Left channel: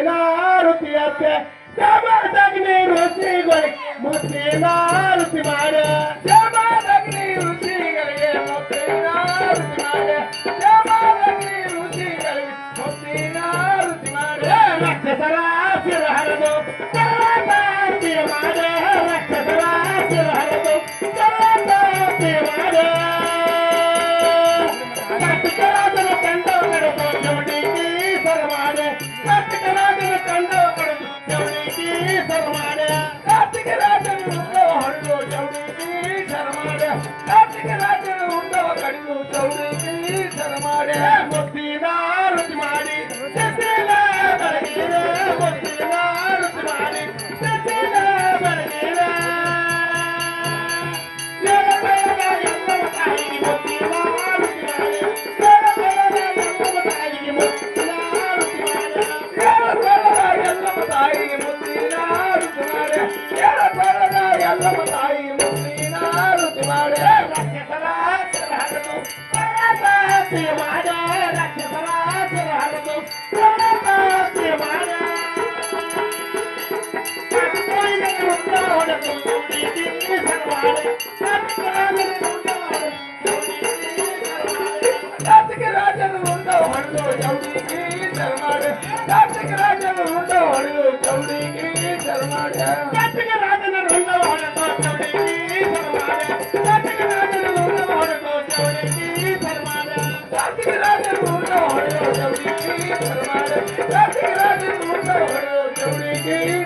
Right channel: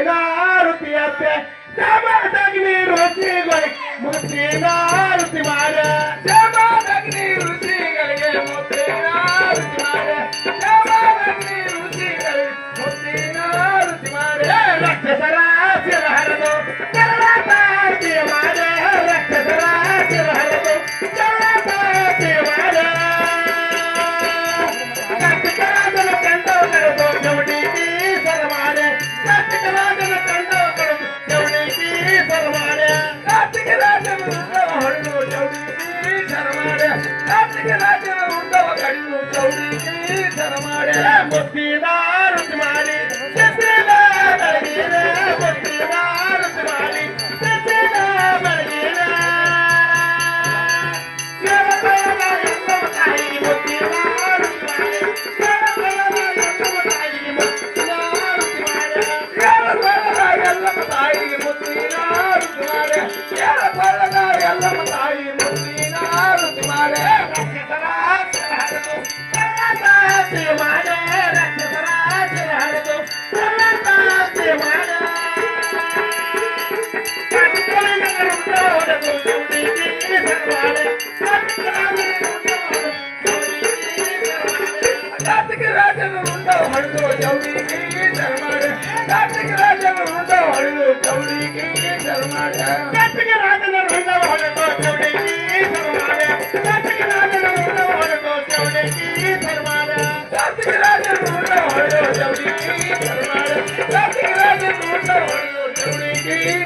ನಾರುತಿಯತ್ತೆ ಜಮದಗ್ನಿ ರುಚಿಗಳಿಗೆ ಮುತ್ತಿನ ರುಚಿ ಮಾಡೆ ಜಮದಗ್ನಿ ರುಚಿಗಳಿಗೆ ಮುತ್ತಿನ ರುಚಿ ಮಾಡೆ ಜಮದಗ್ನಿ ರುಚಿಗಳಿಗೆ ಮುತ್ತಿನ ರುಚಿ ಮಾಡೆ ರಕ್ಷಸರ ಶಿರ ಹರಿದು ಜಲಪಾತಿ ಮಾಡೆ ರಕ್ಷಸರ ಶಿರ ಹರಿದು ಜಲಪಾತಿ ಮಾಡೆ ರಾಜನ ಕಂಡು ಕರೆದು ಜವಡಿಗೆ ಸರಮಾಡೆ ರಾಜನ ಕಂಡು ಕರೆದು ಜವಡಿಗೆ ಸರಮಾಡೆ ರಾಜನ ಹೊರಡು ಜವಡಿಗೆ ಸರಮಾಡೆ ರಾಜನ ಉಂಡವ ಕಡಿದು ಜವಡಿಗೆ ಸರಮಾಡೆ ಮುತ್ತಿನ ರುಚಿ ಮಾಡಿ ಸತ್ತಿನ ಬೆಳಗಿನ ಮುತ್ತಿನ ರುಚಿ ಮಾಡಿ ಸತ್ತಿನ ಬೆಳಗಿನ Jai